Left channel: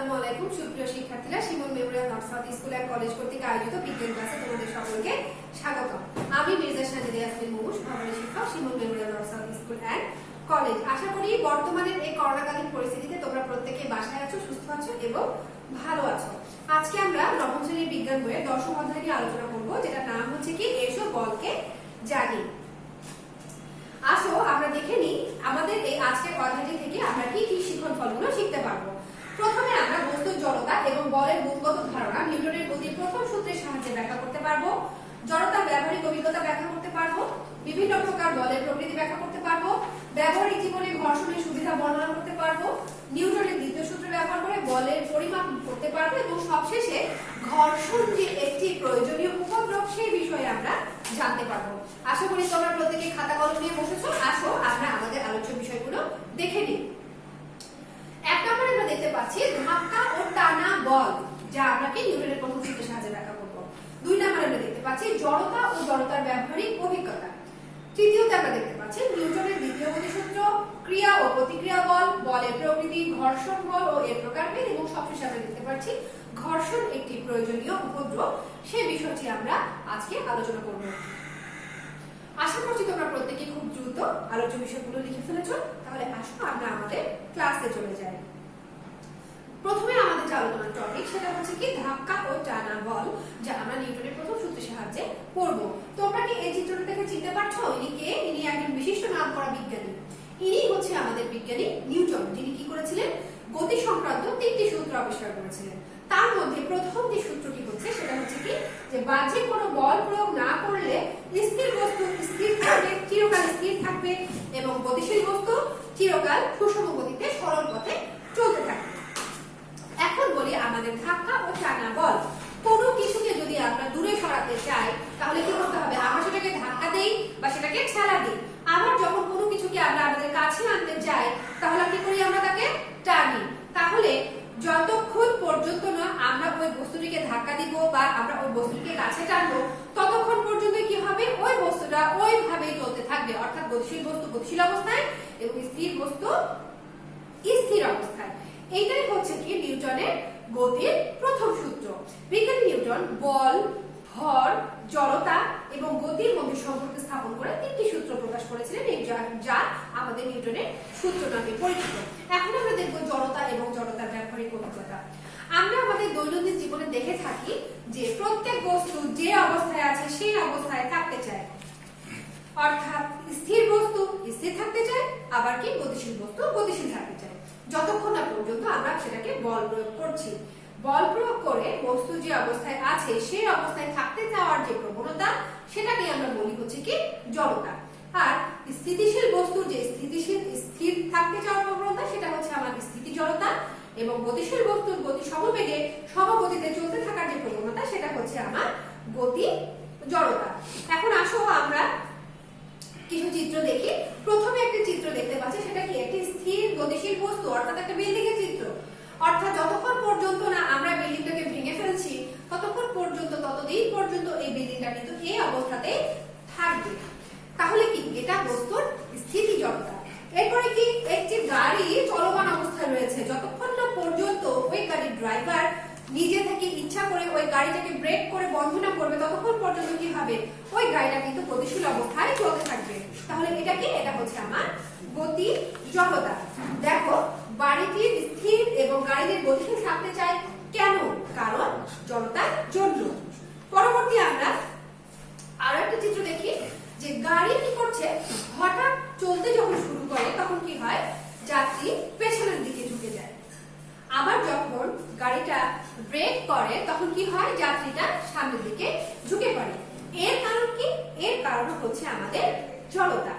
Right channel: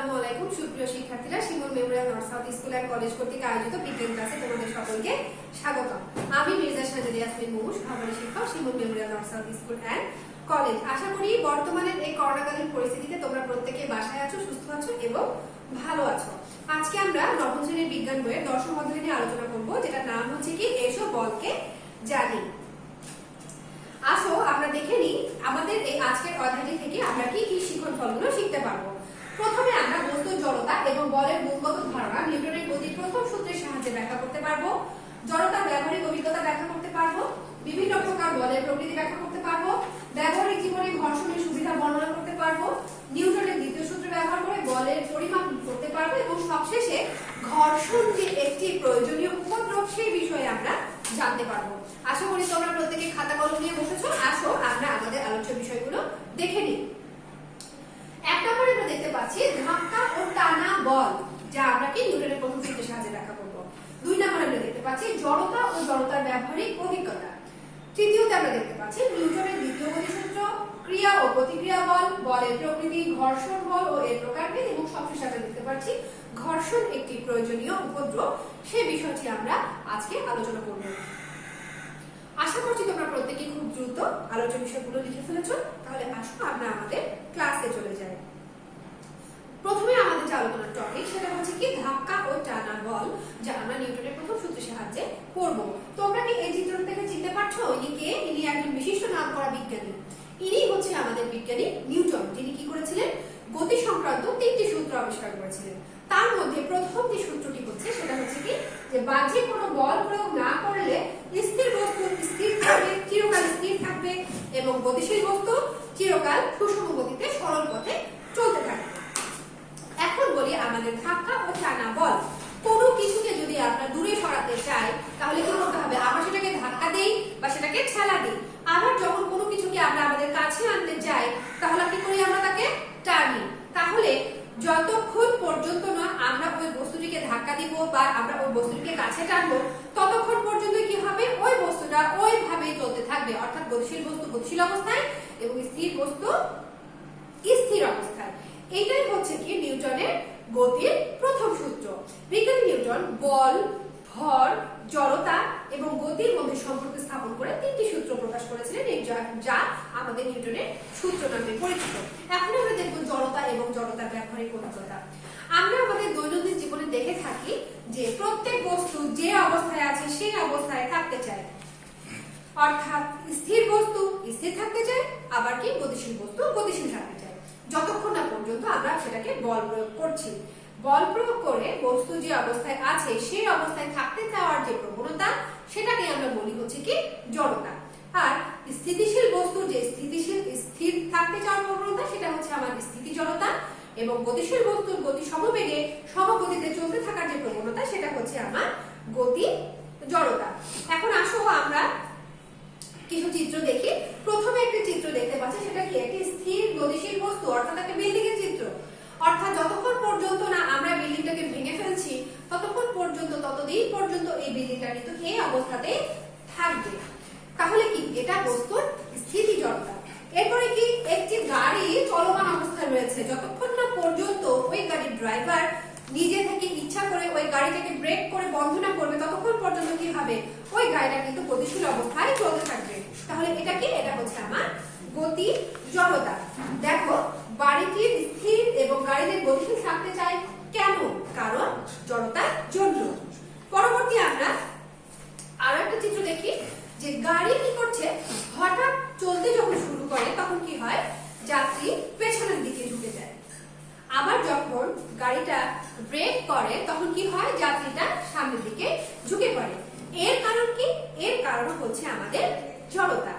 আসসালামু আলাইকুম সুপ্রিয় শিক্ষার্থীরা, Shimul memorial north south school and college কর্তৃক আয়োজিত বিজ্ঞান ক্লাসে তোমাদের সকলকে স্বাগত। আমি মির্জা সাজেদা ইয়াসমিন মুমুশ, সহকারী শিক্ষক, Shimul memorial north south school and college. আশা করি বর্তমানের এই করোনাকালীন পরিস্থিতিতে তোমরা প্রত্যেকেই বাসায় আছো, সুস্থ আছো এবং ভালো আছো। আজকে আমরা নবম শ্রেণীর বিজ্ঞান বইয়ের 10ম অধ্যায় নিয়ে আলোচনা করব, যেটার নাম হচ্ছে কি এসো বলকে জানি। আসো আমরা দেখে নিই আমাদের এই আজকের অধ্যায়টি থেকে আমরা কি কি শিক্ষণ ফলগুলো শিখতে পারবো। প্রথমে আমরা বস্তুর জড়তা এবং বলের গুণগত ধারণা নিউটনের গতির প্রথম সূত্রের সাহায্যে ব্যাখ্যা করতে পারবো। জড়তার ব্যবহারিক অভিজ্ঞতা ব্যাখ্যা করতে পারবো। বিভিন্ন প্রকার বলের প্রকৃতি ব্যাখ্যা করতে পারবো। ব্যবহারিক জীবনে ঘর্ষণের সুবিধা বর্ণনা করতে পারবো। নিউটনের দ্বিতীয় সূত্র ব্যবহার করে বলের পরিমাপ করতে পারবো এবং সবশেষে ঘর্ষণ যে একটি প্রয়োজনীয় উপদ্রব সেই বিষয়ে আমরা জানতে পারবো। আশা করি তোমরা প্রত্যেকে খাতা কলম নিয়ে বসেছো। আসো আমরা আমাদের আলোচ্য বিষয়গুলো দেখে নিই। এক নম্বরে আমরা দেখতে পাচ্ছি ধাক্কা ও টানা বল, যা আমরা কি নিউটনের প্রথম সূত্রের সাহায্যে ব্যাখ্যা করব। দুই নম্বরে আমরা দেখতে পাচ্ছি জড়তা ও জড়তার ব্যবহারিক অভিজ্ঞতা। তৃতীয়তে আমরা দেখতে পাচ্ছি নিউটনের দ্বিতীয় গতিসূত্র, ক্রিয়া ও প্রতিক্রিয়া বল, বলের প্রকৃতি, ঘর্ষণ বল ও এর প্রকারভেদ, এবং সবশেষে আমরা দেখতে পাচ্ছি ঘর্ষণ একটি প্রয়োজনীয় উপদ্রব, সেই বিষয়টি আমরা আজকে আলোচনা করব। আশা করছি তোমরা প্রত্যেকেই খুব দ্রুত আলোচ্য বিষয়গুলো লিখে ফেলেছো। তাহলে আসো আমরা আমাদের ক্লাসে চলে যাই। প্রথমে আমাদের যে আলোচনার টপিক সেটা হচ্ছে কি ধাক্কা ও টানা বল, যা আমরা নিউটনের প্রথম সূত্রের সাহায্যে পড়বো। তোমরা কি এই চিত্রটা থেকে চিনতে পারছো ইনি কে? ইনি একজন বিশিষ্ট নামকরা বিজ্ঞানী। ইনি হচ্ছে আমাদের বিজ্ঞানী নিউটন, যিনি কি করেছিলেন? গতি সংক্রান্ত 3টি সূত্র আবিষ্কার করেছিলেন। তার মধ্যে প্রথম যে সূত্রটি হচ্ছে সেটা হচ্ছে কি যে বাহ্যিক কোনো বল প্রয়োগ না করলে স্থির বস্তু স্থির থাকবে, চিরকাল স্থির থাকবে, এবং গতিশীল বস্তু চিরকাল সুষম গতিতে সরল পথে চলতে থাকবে। এখন বলি আমাদের ধাক্কা ও টানা বল। কোনো কিছুকে যদি আমরা দূরে সরাতে চাই তাহলে কি করতে হবে? আমরা সেটাকে ধাক্কা দেই বা সেটাকে ঠেলা দিই। আবার যখন কোনো কিছুকে আমরা আমাদের কাছে আনতে চাই তাহলে কি করি? আমরা তাকে টানি। তাহলে যতক্ষণ পর্যন্ত না আমরা ওই বস্তুটিকে ধাক্কা দিব বা আমরা ওই বস্তুটিকে কাছে টানবো ততক্ষণ পর্যন্ত কি হবে? ওই বস্তুটা ওইভাবেই চলতে থাকবে, অর্থাৎ গতিশীল বস্তু গতিশীল অবস্থায় এবং স্থির বস্তু স্থির অবস্থায়। এইটাই হচ্ছে কি নিউটনের গতির প্রথম সূত্র। বিজ্ঞানী নিউটন বল, ভর, জড়তা এবং গতির মধ্যে সম্পর্ক স্থাপন করে 3টি সূত্র প্রকাশ করেছিলেন, যা আমাদের নিউটনের সূত্র নামে পরিচিত। এখন আমরা দেখব জড়তা এবং জড়তার ব্যবহারিক অভিজ্ঞতা। আমরা আমাদের দৈনন্দিন জীবনে দেখে থাকি যে প্রত্যেক বস্তু যে অবস্থায় আছে সেই অবস্থায় থাকতে চায়, অর্থাৎ স্থির বস্তু স্থির থাকতে চায়, আবার কি গতিশীল বস্তু গতিশীল থাকতে চায়, যতক্ষণ না পর্যন্ত আমরা সেটাকে বল প্রয়োগ করছি। বল প্রয়োগ করে বস্তু যে অবস্থায় আছে সেই অবস্থায় থাকতে চাওয়ার যে প্রবণতা সেটাকে আমরা বলি হচ্ছে কি জড়তা। আর স্থিতিশীল বস্তু যে স্থির থাকতে চাওয়ার প্রবণতা সেটা হচ্ছে আমার স্থিতি জড়তা, এবং গতিশীল বস্তুর গতি সমবেগে সমগতিতে চলতে থাকার যে প্রবণতা সেটা হচ্ছে আমার গতি জড়তা। এখন আসো আমরা কিছু চিত্র দেখি। প্রথমে একটি চিত্র দেখতে পাচ্ছি, সেটা কি একটি স্থির গতিশীল বস্তু, অর্থাৎ একটা বিল্ডিং এর চিত্র। অর্থাৎ যতক্ষণ পর্যন্ত না আমরা বিল্ডিংটাকে ভেঙে ফেলছি ততক্ষণ পর্যন্ত ততদিন পর্যন্ত এই বিল্ডিংটা কিন্তু এই অবস্থাতে থাকবে। তাহলে কি এটা বস্তুর স্থিতি জড়তা। এরপরে কি একটি গাড়ি চলমান অবস্থায় রয়েছে, যতক্ষণ না পর্যন্ত ওই গাড়ির ড্রাইভার নিজে থেকে ইচ্ছা করে ওই গাড়িটাকে ব্রেক করে বন্ধ না করবে ততক্ষণ পর্যন্ত কি হবে? ওই গাড়িটা কিন্তু গতিশীল অবস্থায় চলতে থাকবে। তাহলে এটা কি? এটা হচ্ছে আমার গতি জড়তা। দেখো বাড়িটির স্থির এবং গাড়িটির গতিশীল থাকতে চাই কেন? কারণ জড়তার জন্য। পরবর্তী আমরা আরো একটা চিত্র দেখি যে গাড়ি কি করছে, হঠাৎ চলতে যখন শুরু করে তখন কি হয়? যাত্রী পেছনের দিকে ঢুকে যায়। আবার যখন গাড়িটা ব্রেক করে তখন কি হয়? যাত্রীটা সামনের দিকে ঝুঁকে পড়ে। এর কারণ কি? এর কারণ হচ্ছে আমাদের জড়তা।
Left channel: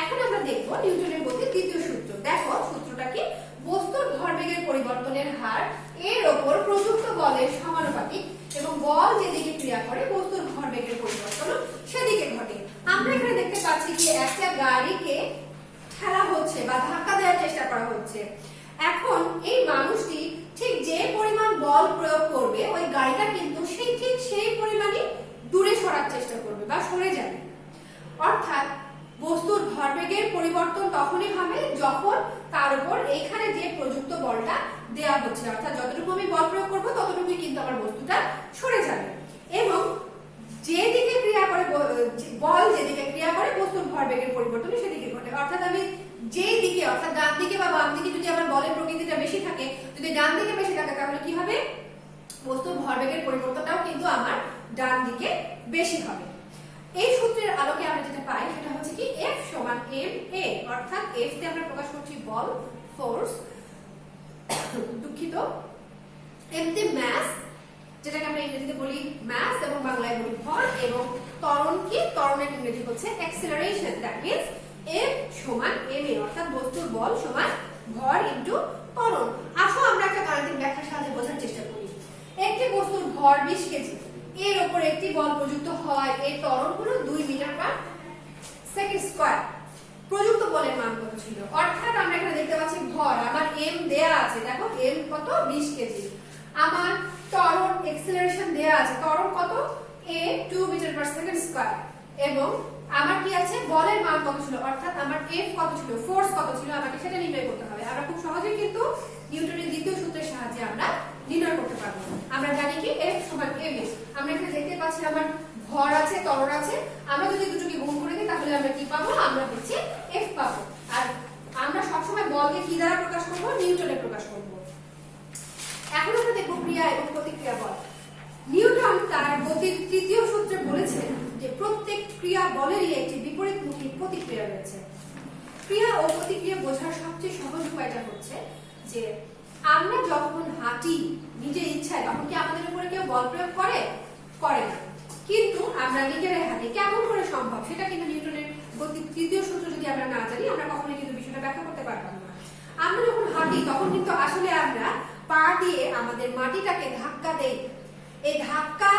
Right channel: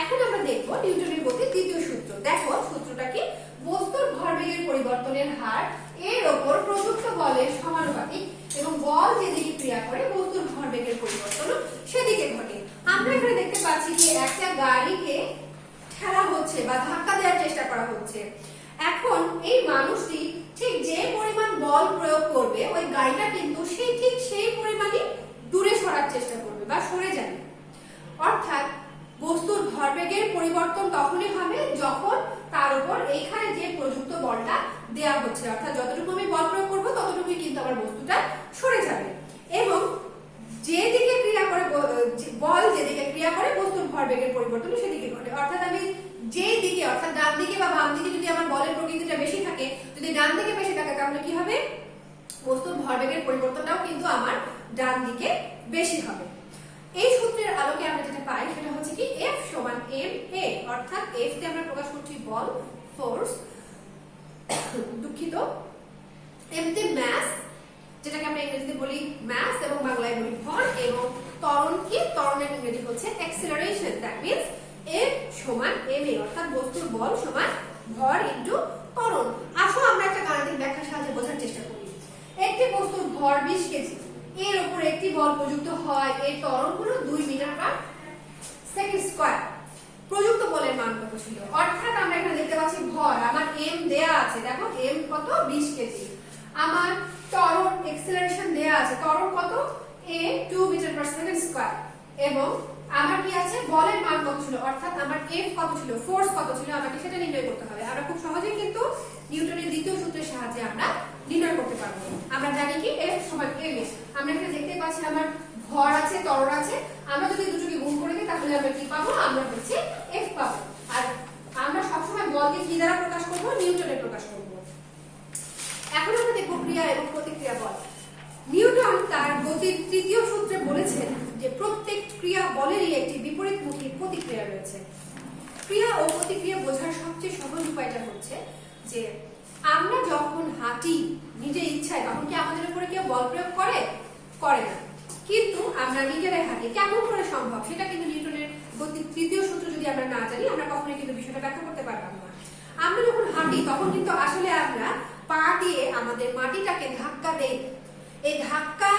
এখন আমরা দেখব নিউটনের গতির দ্বিতীয় সূত্র। দেখো সূত্রটা কি? বস্তুর ভরবেগের পরিবর্তনের হার এর ওপর প্রযুক্ত বলের সমানুপাতিক, এবং বল যেদিকে ক্রিয়া করে বস্তুর ভরবেগের পরিবর্তন সেদিকে ঘটে। আমরা এখানে দেখতে পাচ্ছি যে একটা গাড়িকে ঠেলা হচ্ছে বা ধাক্কা দেওয়ার চেষ্টা করা হচ্ছে। এখন এই মানুষটি ঠিক যে পরিমাণ বল প্রয়োগ করবে ওই গাড়িটা কিন্তু ঠিক সেই পরিমাণই দূরে সরার চেষ্টা করবে বা সরে যাবে। অর্থাৎ বস্তুর ভরবেগের পরিবর্তন তখনই হবে যখন তার উপর এইখানে যে প্রযুক্ত বলটা দেয়া হচ্ছে, অর্থাৎ যতটুকু আমি বল প্রয়োগ করবো ততটুকুই কিন্তু আমার বস্তুটা সরে যাবে। এবং যেদিকে ক্রিয়া করে বল যেদিকে ক্রিয়া করে বস্তুর ভরবেগের পরিবর্তন সেদিকে ঘটে। অর্থাৎ আমি যেই দিকে অর্থাৎ ডান দিকে বা বাম দিকে যদি আমার বলের প্রকৃতিটা বেশি থাকে, যদি ডান দিকে বেশি থাকে তাহলে কি হবে, বস্তুর ভরবেগের পরিবর্তনটাও কিন্তু আমার ডান দিকে বেশি হবে। এই সূত্রের আলোকে আমরা যেটা পাই সেটা হচ্ছে কি F সমান ma, অর্থাৎ F কে আমরা প্রকাশ করছি বল ফোর্স, দুঃখিত, m তে মাস যেটাকে আমরা ইংরেজিতে বলি মাস এবং বাংলায় বলি ভর, এবং ত্বরণ কি, ত্বরণের ইংরেজি হচ্ছে অ্যাক্সিলারেশন। দ্যাট মিন্স F সমান ma, অর্থাৎ বস্তুর বল সমান ভর ইনটু ত্বরণ। আসো আমরা একটা গাণিতিক ব্যাখ্যার সাহায্যে বোঝার চেষ্টা করি। একটি বস্তুর ভর 20 কেজি, এর উপর একটি বল প্রযুক্ত হয়, এর ত্বরণ হলো 2 মিটার পার সেকেন্ড স্কয়ার। প্রযুক্ত বলের মান কত ছিল, অর্থাৎ আমরা এখানে দেখতে পাচ্ছি ভর আমার m দেয়া আছে, দেখো m কত 20 কেজি, আমার ত্বরণ অ্যাক্সিলারেশন দেয়া আছে, ত্বরণ কত a 2 metre per second square, এবং আমার কি আছে বলের মান কত ছিল, অর্থাৎ আমার F কত ছিল, ফোর্স কত ছিল, আমাকে সেটা নির্ণয় করতে হবে। আমরা খুব সহজেই কিন্তু নিউটনের দ্বিতীয় সূত্রের সাহায্যে আমরা নির্ণয় করতে পারবো। আমরা জানি কি F সমান ma, আমরা এখানে দেখতে পাচ্ছি আমার ভর আছে ত্বরণ আছে, আমরা যদি দুটোকে গুণ করে দিই তাহলে আমরা কি পাবো, আমরা হচ্ছে F পাবো। আর আমরা সবসময় বলকে কি দ্বারা প্রকাশ করবো, নিউটনে প্রকাশ করবো। এখন আমরা দেখবো ক্রিয়া এবং প্রতিক্রিয়া বল। নিউটন তার গতির তৃতীয় সূত্রে বলেছেন যে প্রত্যেক ক্রিয়া বলেরই একটি বিপরীতমুখী প্রতিক্রিয়া রয়েছে। ক্রিয়া ও প্রতিক্রিয়া বোঝার সবচেয়ে সহজ উপায়টা হচ্ছে যে আমরা যখন হাঁটি নিজের ইচ্ছায় তখন কি আমাদের উপরে কেউ বল প্রয়োগ করে না, কিন্তু আমরা নিজেরাই হাঁটি, কেমন করে সম্ভব, সেটা কিন্তু নিউটনের গতির তৃতীয় সূত্র যদি আমরা না জানি আমরা কখনোই কিন্তু বিষয়টা ব্যাখ্যা করতে পারতাম না। আমরা যখন হাঁটি তখন কিন্তু আসলে আমরা পা দিয়ে আমাদের মাটিটাকে ধাক্কা দেই, এই ধাক্কা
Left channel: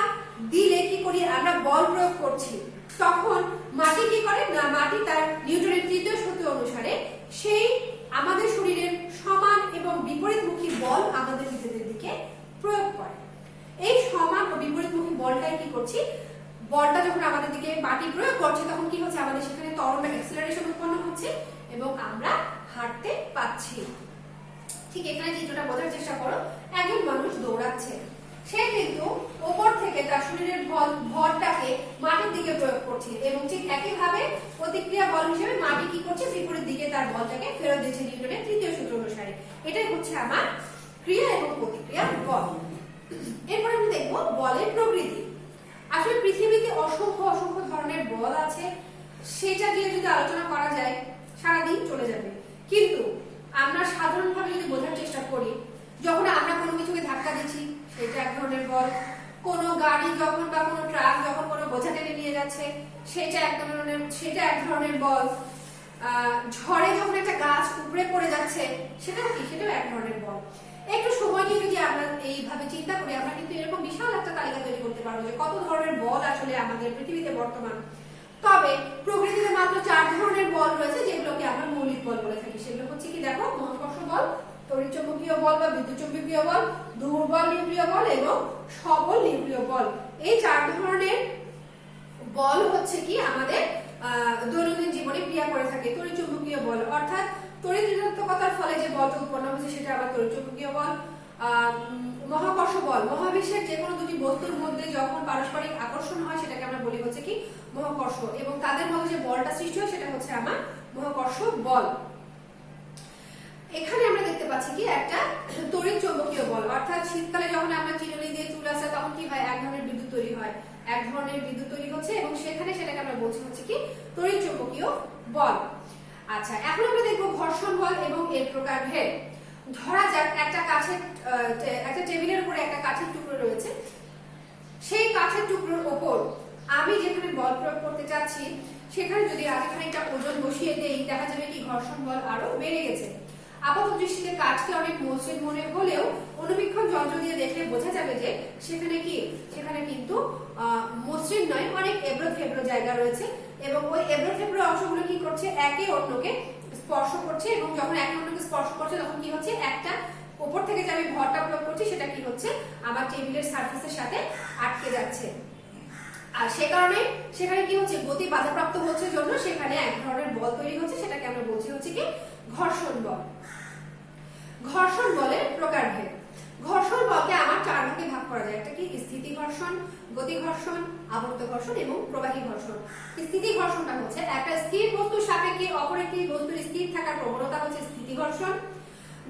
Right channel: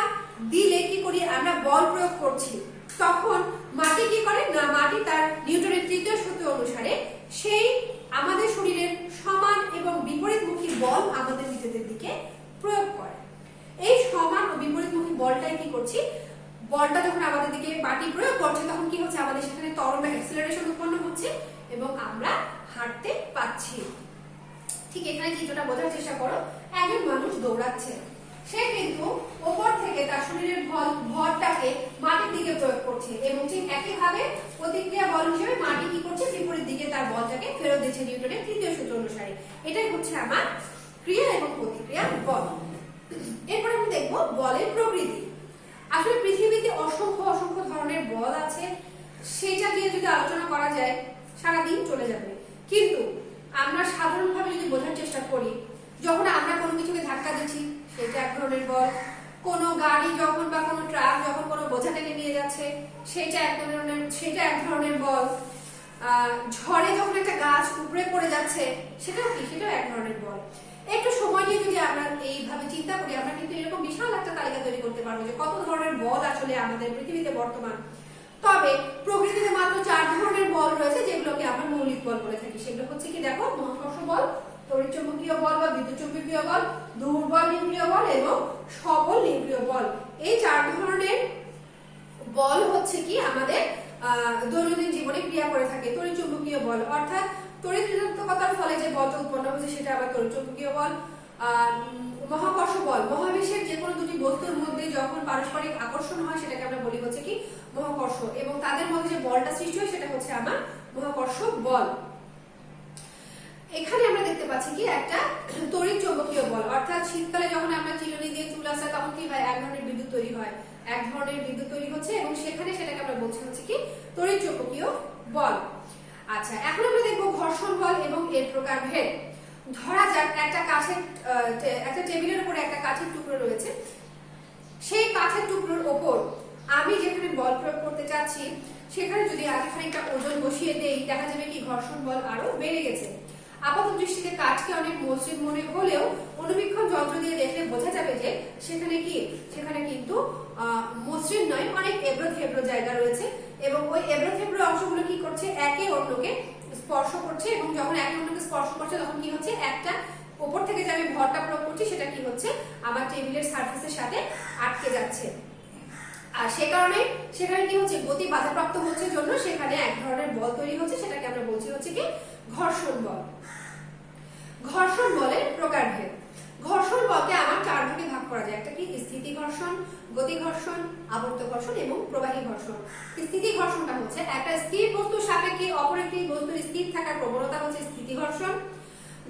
দিলে কি করি, আমরা বল প্রয়োগ করছি, তখন মাটি কি করে না, মাটি তার নিউটনের তৃতীয় সূত্র অনুসারে সেই আমাদের শরীরের সমান এবং বিপরীতমুখী বল আমাদের নিজেদের দিকে প্রয়োগ করে। এই সমান ও বিপরীতমুখী বলটাই কি করছি, বলটা যখন আমাদের দিকে মাটি প্রয়োগ করছে তখন কি হচ্ছে, আমাদের সেখানে ত্বরণ বা অ্যাক্সিলারেশন উৎপন্ন হচ্ছে এবং আমরা হাঁটতে পারছি। ঠিক এখানে চিত্রটা বোঝার চেষ্টা করো, একজন মানুষ দৌড়াচ্ছে, সে কিন্তু উপর থেকে তার শরীরের ভরটাকে মাটির দিকে প্রয়োগ করছে এবং ঠিক একইভাবে প্রতিক্রিয়া বল হিসেবে মাটি কি করছে, বিপরীত দিকে তার বলটাকে ফেরত দিচ্ছে নিউটনের তৃতীয় সূত্র অনুসারে। এটাই হচ্ছে আমার ক্রিয়া এবং প্রতিক্রিয়া বল। এরপর আমি দেখবো বলের প্রকৃতি। আসলে পৃথিবীতে অসংখ্য অসংখ্য ধরনের বল আছে, সেটা নিয়ে যদি আলোচনা করা যায় সারাদিন চলে যাবে, কিন্তু আমরা সাধারণভাবে যদি বোঝার চেষ্টা করি, যখন আমরা কোনো কিছুকে ধাক্কা দিচ্ছি সেটা এক ধরনের বল, কোনো গাড়ি যখন বা কোনো ট্রাক যখন কোনো বোঝা টেনে নিয়ে যাচ্ছে সেটা এক ধরনের বল, ঝড়ে যখন একটা গাছ উপড়ে পড়ে যাচ্ছে সেটাও এক ধরনের বল। একটু সময় নিয়ে যদি আমরা এইভাবে চিন্তা করি আমরা কিন্তু এরকম বিশাল একটা তালিকা তৈরি করতে পারবো যে কত ধরনের বল আসলে আমাদের পৃথিবীতে বর্তমান। তবে প্রকৃতিতে মাত্র 4 ধরনের বল রয়েছে যেগুলোকে আমরা মৌলিক বল বলে থাকি। সেগুলো হচ্ছে কি, দেখো, মহাকর্ষ বল, তড়িৎচুম্বকীয় বল বা বিদ্যুৎ চুম্বকীয় বল, দুর্বল নিউক্লিয় বল এবং সবল নিউক্লিয় বল। এই 4 ধরনের বল হচ্ছে কি আমাদের দৈনন্দিন জীবনে ক্রিয়া করে থাকে। তড়িৎচুম্বকীয় বল অর্থাৎ তড়িৎ ঋণাত্মকতার ফলে যে বলটা উৎপন্ন হচ্ছে সেটা আবার তড়িৎচুম্বকীয় বল। মহাকর্ষ বল, মহাবিশ্বের যে কোনো দুটি বস্তুর মধ্যে যখন পারস্পরিক আকর্ষণ হয় সেটাকে আমরা বলি হচ্ছে কি মহাকর্ষ, এবং তাদের মধ্যে যে বলটা সৃষ্টি হয় সেটা হচ্ছে আমার মহাকর্ষ বল। এখানে আমরা দেখতে পাচ্ছি কি একটা তড়িৎ চৌম্বকীয় বল, অর্থাৎ শীতকালে যখন আমরা চিরুনি দিয়ে চুল আসা তখন কি হয়, এক ধরনের বিদ্যুৎ তৈরি হয়, এক ধরনের বিদ্যুৎ তৈরি হচ্ছে এবং সেটাকে আমরা বলছি হচ্ছে কি তড়িৎ চৌম্বকীয় বল। আচ্ছা, এখন আমরা দেখবো ঘর্ষণ বল এবং এর প্রকারভেদ। ধরা যাক একটা টেবিলের উপরে একটা কাঠের টুকরো রয়েছে, সেই কাঠের টুকরোর ওপর আমি যেখানে বল প্রয়োগ করতে চাচ্ছি সেখানে যদি আগে খানিকটা ওজন বসিয়ে দেই দেখা যাবে কি ঘর্ষণ বল আরো বেড়ে গেছে। আপাত দৃষ্টিতে কাঠকে অনেক মসৃণ মনে হলেও অনুবীক্ষণ যন্ত্র দিয়ে দেখলে বোঝা যাবে যে সেখানে কিন্তু মসৃণ নয়, অনেক এবড়ো থেবড়ো জায়গা রয়েছে এবং ওই এবড়ো থেবড়ো অংশগুলো কি করছে, একে অন্যকে স্পর্শ করছে এবং যখন একে অন্যকে স্পর্শ করছে তখন কি হচ্ছে, একটা উপর থেকে যে আমি ভরটা প্রয়োগ করছি সেটা কি হচ্ছে আমার টেবিলের সারফেসের সাথে আটকে যাচ্ছে। আর সে কারণে সেখানে কি হচ্ছে, গতি বাধাপ্রাপ্ত হচ্ছে জন্য সেখানে এক ধরনের বল তৈরি হচ্ছে, সেটাকে আমরা বলছি হচ্ছে কি ঘর্ষণ বল। ঘর্ষণ বলের প্রকারভেদ। গতি ঘর্ষণ, আবর্ত ঘর্ষণ এবং প্রবাহী ঘর্ষণ। স্থিতি ঘর্ষণটা হচ্ছে একটা স্থির বস্তুর সাপেক্ষে অপর একটি বস্তুর স্থির থাকার প্রবণতা হচ্ছে স্থিতি ঘর্ষণ।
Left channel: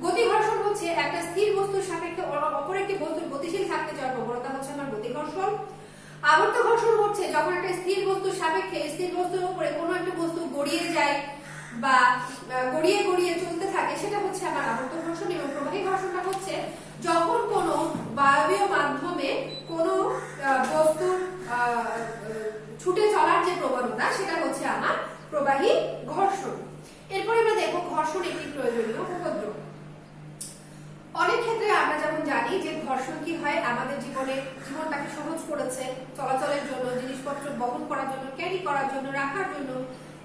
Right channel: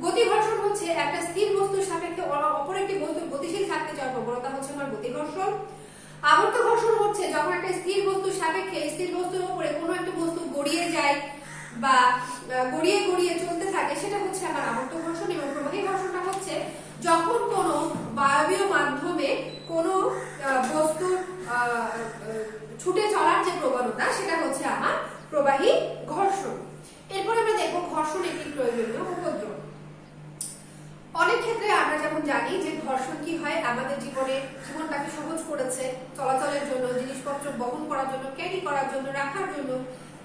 গতি ঘর্ষণ হচ্ছে একটা স্থির বস্তুর সাপেক্ষে অপর একটি বস্তুর গতিশীল থাকতে যাওয়ার প্রবণতা হচ্ছে আমার গতি ঘর্ষণ। আবর্ত ঘর্ষণ হচ্ছে যখন একটা স্থির বস্তুর সাপেক্ষে স্থির বস্তুর উপরে কোনো একটা বস্তু গড়িয়ে যায় বা গড়িয়ে গড়িয়ে চলতে থাকে, সেটা হচ্ছে আমার আবর্ত ঘর্ষণ। এবং প্রবাহী ঘর্ষণটা হচ্ছে যখন কোনো বায়বীয় মাধ্যমে কোনো বস্তুর ছুটে চলার যে প্রবণতা, সেটা হচ্ছে আমার প্রবাহী ঘর্ষণ। এরপর আমরা দেখব ঘর্ষণ একটি প্রয়োজনীয় উপদ্রব। অনেক ক্ষেত্রে আমরা যেমন জানি যে ঘর্ষণ কি হয়, আমাদের জীবনটাকে সহজ করেছে চলাচলের জন্য, জিনিসপত্র বহন করার জন্য, ক্যারি করার জন্য, রাখার জন্য।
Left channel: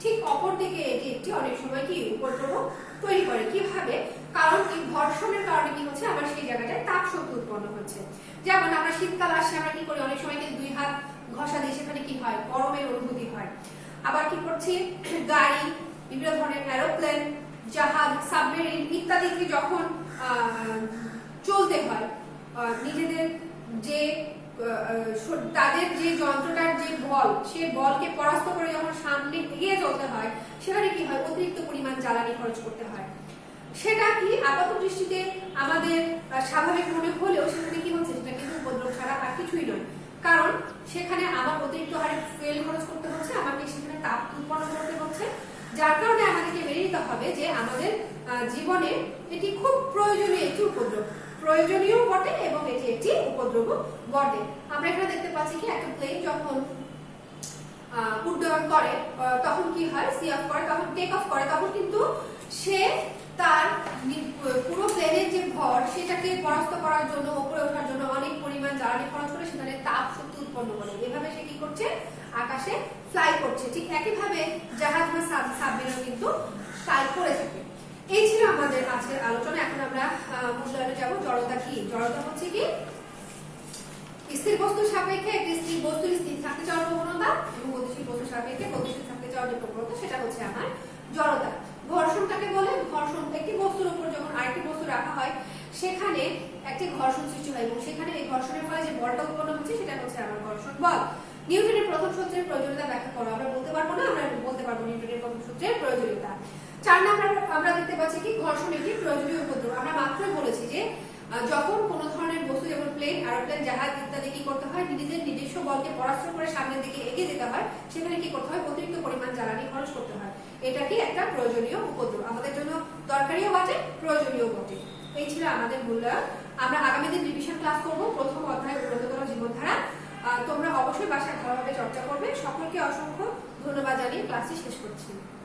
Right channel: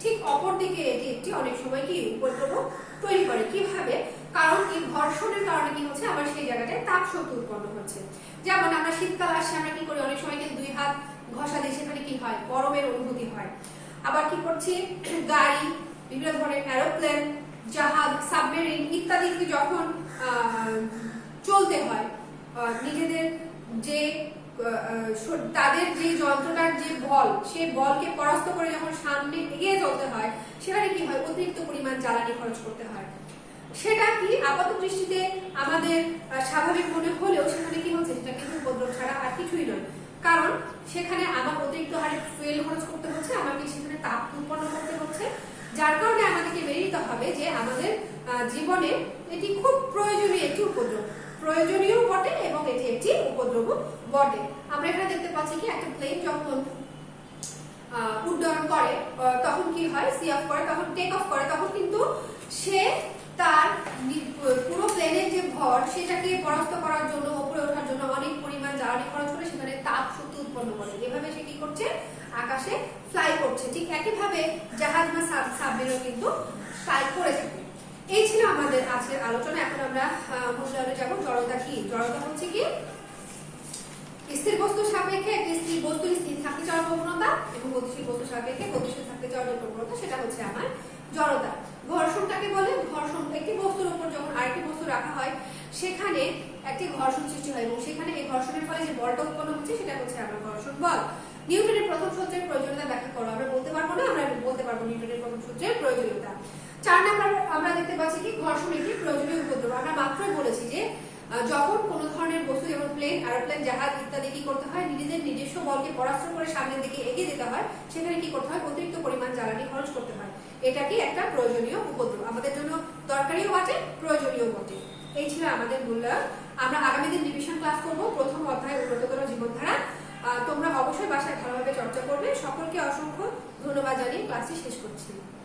ঠিক অপরদিকে এটি একটি অনেক সময় কি উপদ্রব তৈরি করে। কিভাবে? কারণ এই ঘর্ষণের কারণে কি হচ্ছে, আমার সেই জায়গাটায় তাপ শক্তি উৎপন্ন হচ্ছে। যেমন আমরা শীতকাল আসছে, আমরা কি করি, অনেক সময় কিন্তু দুই হাত ঘষা দিয়ে সেখানে কি হয়, গরমের অনুভূতি হয়। আবার কি করছি, গাড়ি, বিভিন্ন ধরনের এরোপ্লেন, জাহাজ, সাবমেরিন ইত্যাদি যখন চলতে হয়, নিজেদের যে তাদের যে যন্ত্রটার যে বল, সেই বলকে পরাস্ত করে যখন সামনে এগিয়ে চলতে হয়, সেখানে কি হয়, অতিরিক্ত পরিমাণ জ্বালানি খরচ করতে হয়। সেটা কি আপাত দৃষ্টিতে আমাদের স্বাভাবিক মনে হলেও সেখানে কি হচ্ছে, সেটা কিন্তু উপদ্রব ছাড়া আর কিছুই নয়। কারণ সেখানে আমার অতিরিক্ত হারে ফুয়েল খরচ করতে হচ্ছে, আমাকে সেখানে তাপ উৎপন্ন করতে হচ্ছে। যার কারণে আমাদেরকে মেনে নিতে হবে যে আমাদের জীবনে এটি খুব প্রয়োজনীয় একটি উপদ্রব, প্রয়োজনীয় বটে এবং এটি একটি উপদ্রব বটে। আমরা এখানে দেখতে পাচ্ছি কি একটা প্লেন যখন উড্ডয়ন করে তখন কি হয়, সি অফ করে, তখন টেক অফ করে, তখন কিন্তু সে তার পুরো প্লেনের যে ভর সেটাকে পরাস্ত করার জন্য, উপরে ওঠার জন্য অনেক পরিমাণ জ্বালানি খরচ করে সেখানে তাপ শক্তি উৎপন্ন করে। এভাবে সে কি করছে, আকাশে ফ্লাই করছে। ঠিক একইভাবে জাহাজ বা সাবমেরিনও কিন্তু ফ্লাই করে থাকে। এই ছিল আমাদের আজকের আলোচনা। এখন আমরা মূল্যায়নে যাব। জড়তা কি? জড়তা হচ্ছে কি স্থির বস্তুর সাপেক্ষে একটি স্থির বস্তুর স্থির থাকতে চাওয়ার প্রবণতা এবং গতিশীল বস্তুর সাপেক্ষে গতিশীল থাকতে চাওয়ার যে প্রবণতা, সেটা হচ্ছে আমার জড়তা। ঘর্ষণটাকে বলে, ঘর্ষণ একটি বস্তুর উপর যখন আরেকটি বস্তু রাখা হয় সেখানে একটি ঘর্ষণ সৃষ্টি হয় এবং সেখানে এই ঘর্ষণের ফলে যে বলটা উৎপন্ন হচ্ছে সেটা হচ্ছে আমার ঘর্ষণ বল। নিউটনের প্রথম সূত্রের প্রয়োজনীয়তা ব্যাখ্যা করো। আমরা বলতে পারবো না, আমরা বলতে পারবো নিউটনের প্রথম সূত্রের প্রয়োজনীয়তা। 4 নাম্বার আমরা দেখতে পাচ্ছি কি ঘর্ষণ একটি প্রয়োজনীয় উপদ্রব। আমরা মাত্রই বলেছি যে যখন কোনো ধরনের বস্তু যেমন প্লেন, এরোপ্লেন, জাহাজ ইত্যাদি কি করতে হয়, নিজেদের নিজস্ব বলকে পরাস্ত করে সামনের দিকে এগিয়ে যেতে হয়, সেখানে কি করতে হয়, অতিরিক্ত পরিমাণ জ্বালানি খরচ করতে হয়। এটা কি একটা প্রয়োজনীয় উপদ্রব, আমাদের জন্য দরকারিও বটে, প্রয়োজনীয় বটে। এই ছিল আমাদের মূল্যায়ন। আমরা আগামী দিন রিভিশন ক্লাস করবো, প্রথম অধ্যায় উন্নততর জীবনধারা। তোমরা অবশ্যই বাসায় ভালোভাবে চর্চা করবে। সকলকে অসংখ্য ধন্যবাদ জানিয়ে ক্লাসটি শেষ করছি।